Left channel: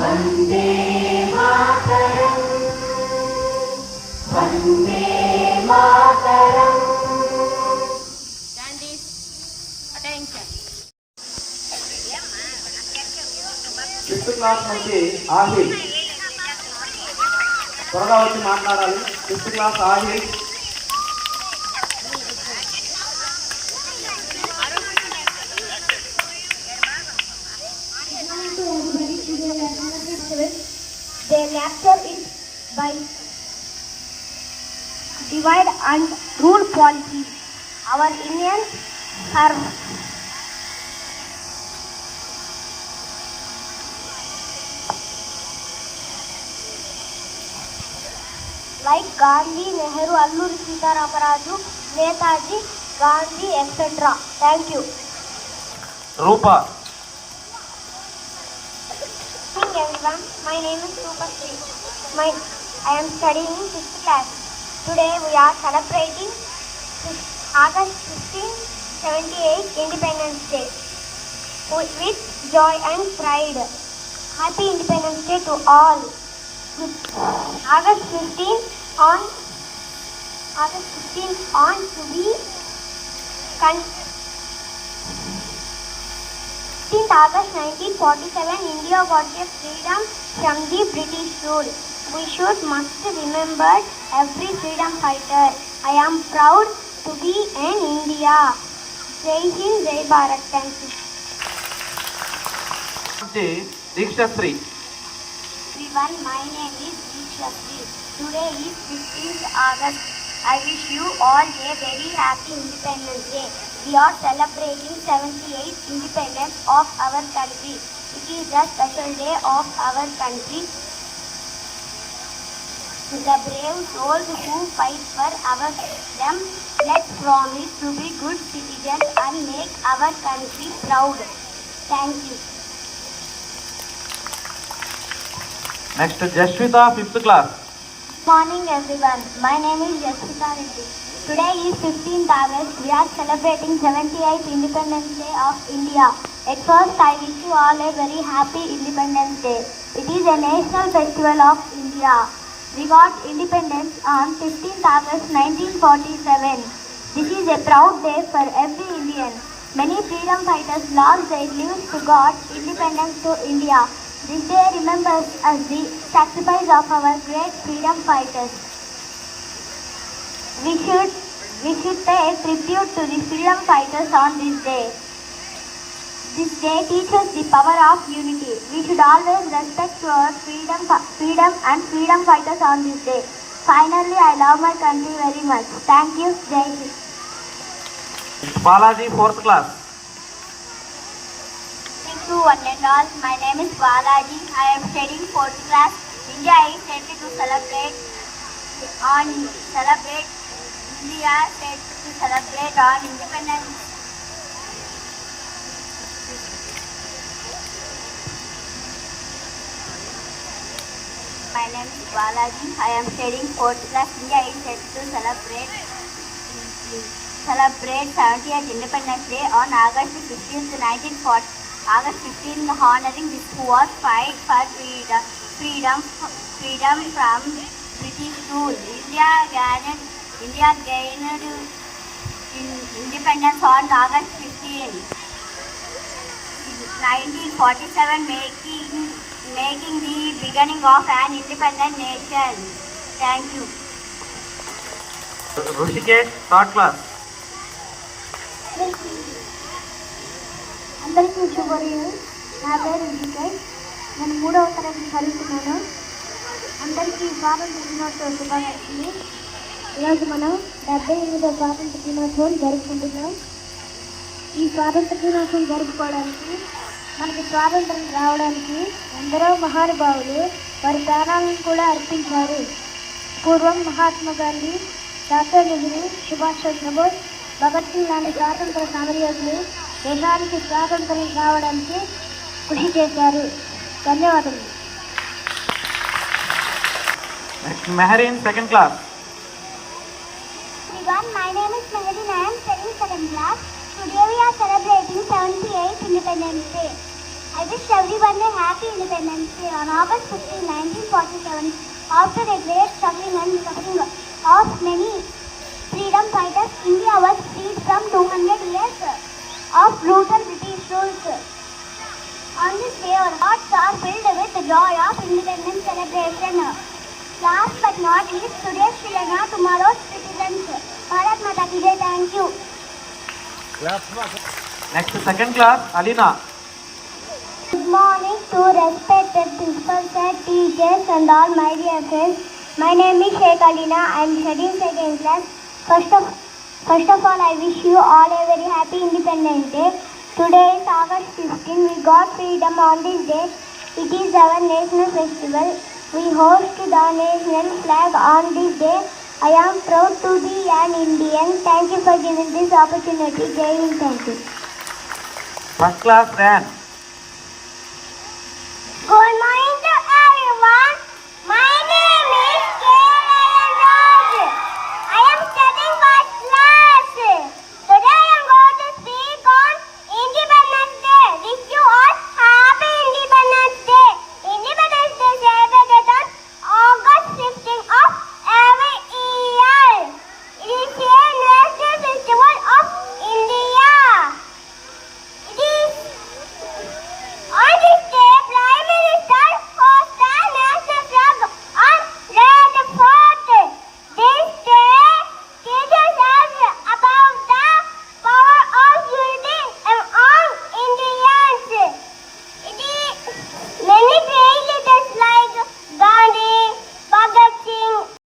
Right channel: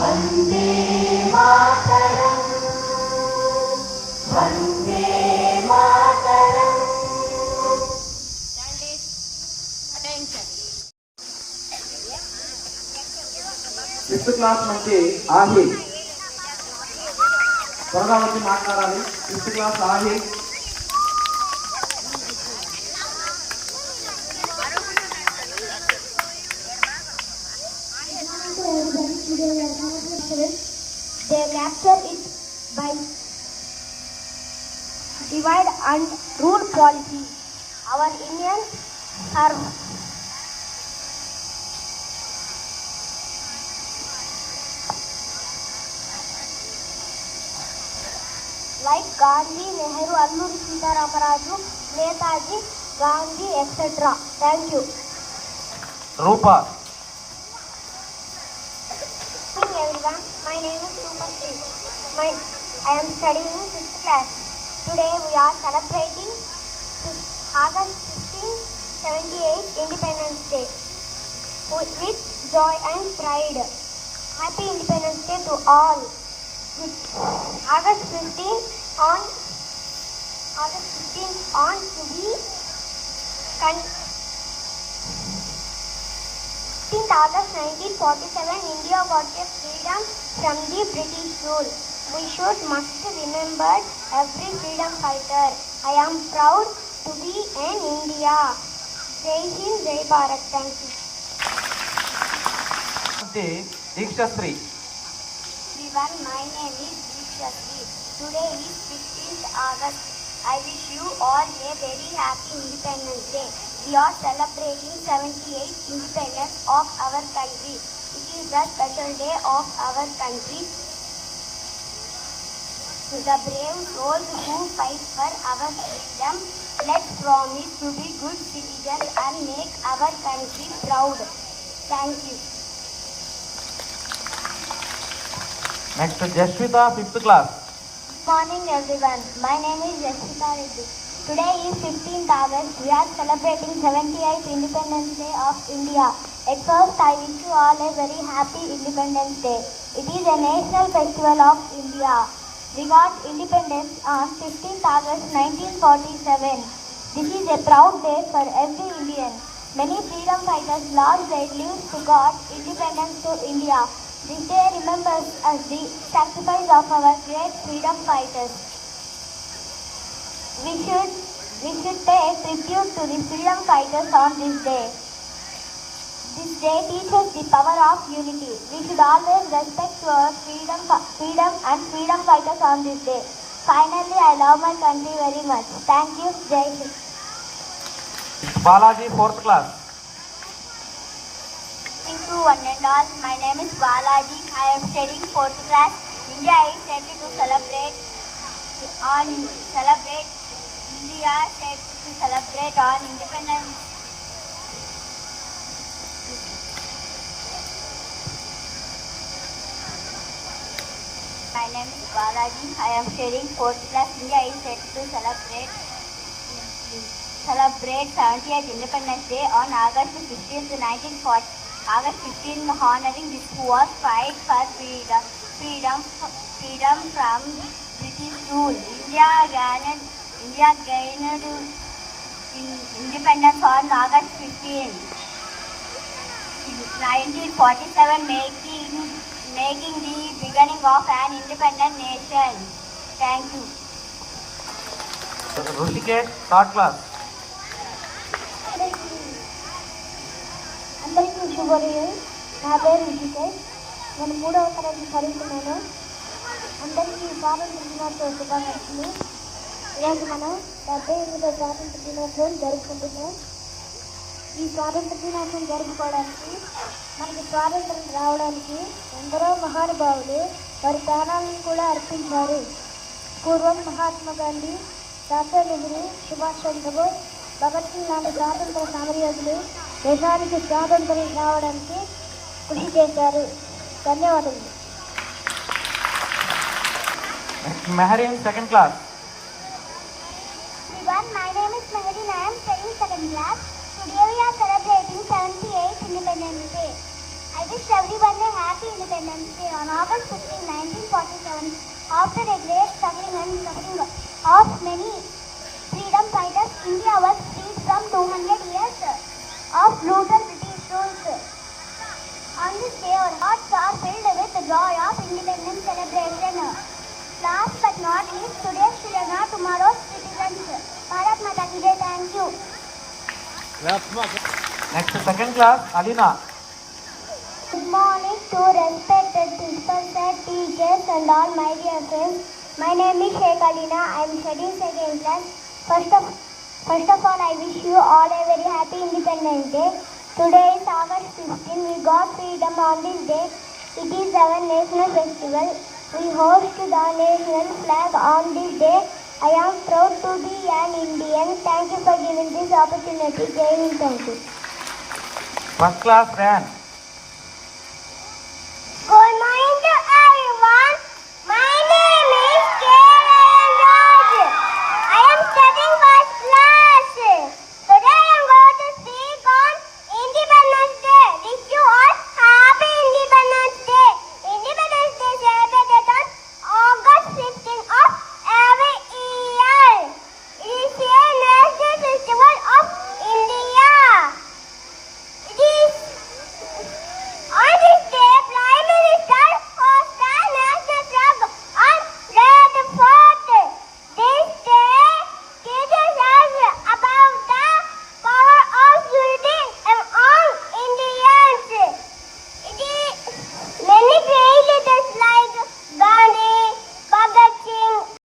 Vande Mataram Vande Mataram fifth class నుంచి ఆహిల్ త్వరగా వచ్చి మాట్లాడాలి. Fifth class Aahil. They capture it by divide and rule policy. Our Indians are like Gandhi, Nehru, Alluri Sita Ramaraju, Netaji, Gandhi, etc. Thank you. Rupa. Good morning everyone. My name is Rupa Sri. I am studying in 6th class. Today we are celebrating August 15, 78 Independence Day with joy and pride. Happy Independence Day to all. August 15 on to be 15th August 1947, India got a freedom from the British rule. We must remember every freedom fighter. I am proud to be in India. Jai Hind, Jai Bharat. Thank you. దీక్షశ్రీ. Everyone, my name is Deekshasri. Today is 15th August. I wish you all a very happy Independence Day. We are celebrating 78th independence of our country. It is a special day of our country. The brave souls who fight for our freedom, let's promise to be good citizens and make our country proud. Thank you. Next Jasvitha, fifth class. Good morning everyone. My name is Yashita Reddy. Today is 15th August. We are celebrating 78th Independence Day of India. At first, I wish you all a very happy Independence Day. It is a national festival of India. We got independence on 15th August 1947. This is a proud day for every Indian. Many freedom fighters lost their lives to got independence to India. This day remembers us the sacrifice of our great freedom fighters. We should pay tribute to the freedom fighters on this day. This day teaches the power of unity. We should always respect our freedom and freedom fighters on this day. Finally, I love my country very much. Thank you. Jai Hind. Balaji, fourth class. Thank you one and all. My name is Balaji. I am studying 4th class. India is set to celebrate on Independence. My name is Balaji. I am studying 4th class. India is set to celebrate 70th Independence Day on August 15th, 1940. August 15, honoring this who was fight for freedom from British rule. India gained independence on August 15, 1947, making the beginning of an independent nation. Thank you. Rushikesh, third class. అందరికీ శుభోదయం. నా పేరు రుషికేష్. నేను 3వ తరగతి చదువుతున్నాను. అందరికీ స్వాతంత్ర దినోత్సవ శుభాకాంక్షలు. ఈరోజు మనం 78వ స్వాతంత్ర దినోత్సవం జరుపుకుంటున్నాం. ఈ స్వాతంత్ర దినోత్సవం జరుపుకోవడానికి, మనకి స్వాతంత్రం రావడానికి ఎందరో మహానుభావులు వారి ప్రాణాలను కూడా అర్పించారు. పూర్వం మహాత్మా గాంధీ, డాక్టర్ నెహ్రూ, సుభాష్ చంద్రబోస్, భగత్ సింగ్ లాంటి స్వాతంత్ర సమరయోధులు దేశానికి స్వాతంత్రం రావడానికి కృషి చేశారు. ధన్యవాదాలు. Mehreen, second class. Everyone, my name is Meherin. I am studying 2nd class. Today we are celebrating 78th Independence Day. I I wish everyone a happy Independence Day on August 15, 1947. After a great suffering and suffering of many freedom fighters, India was freed from 200 years of brutal British rule. On this day, our hearts are filled with the joy of independence celebration. Last but not least, today's children are tomorrow's citizens. Bharat Mata ki jai, thank you. Next second class, Alina. Good morning to respected principal sir, teachers and all my dear friends. My name is Sheikh Alina. I am studying second class. First of all, I wish you all a very happy Independence Day. Today is August 15. We got freedom on this day. It is our national festival. We host the national flag on this day. I am proud to be an Indian. Thank you for giving this opportunity. Jai Hind. Thank you. First class, Dan.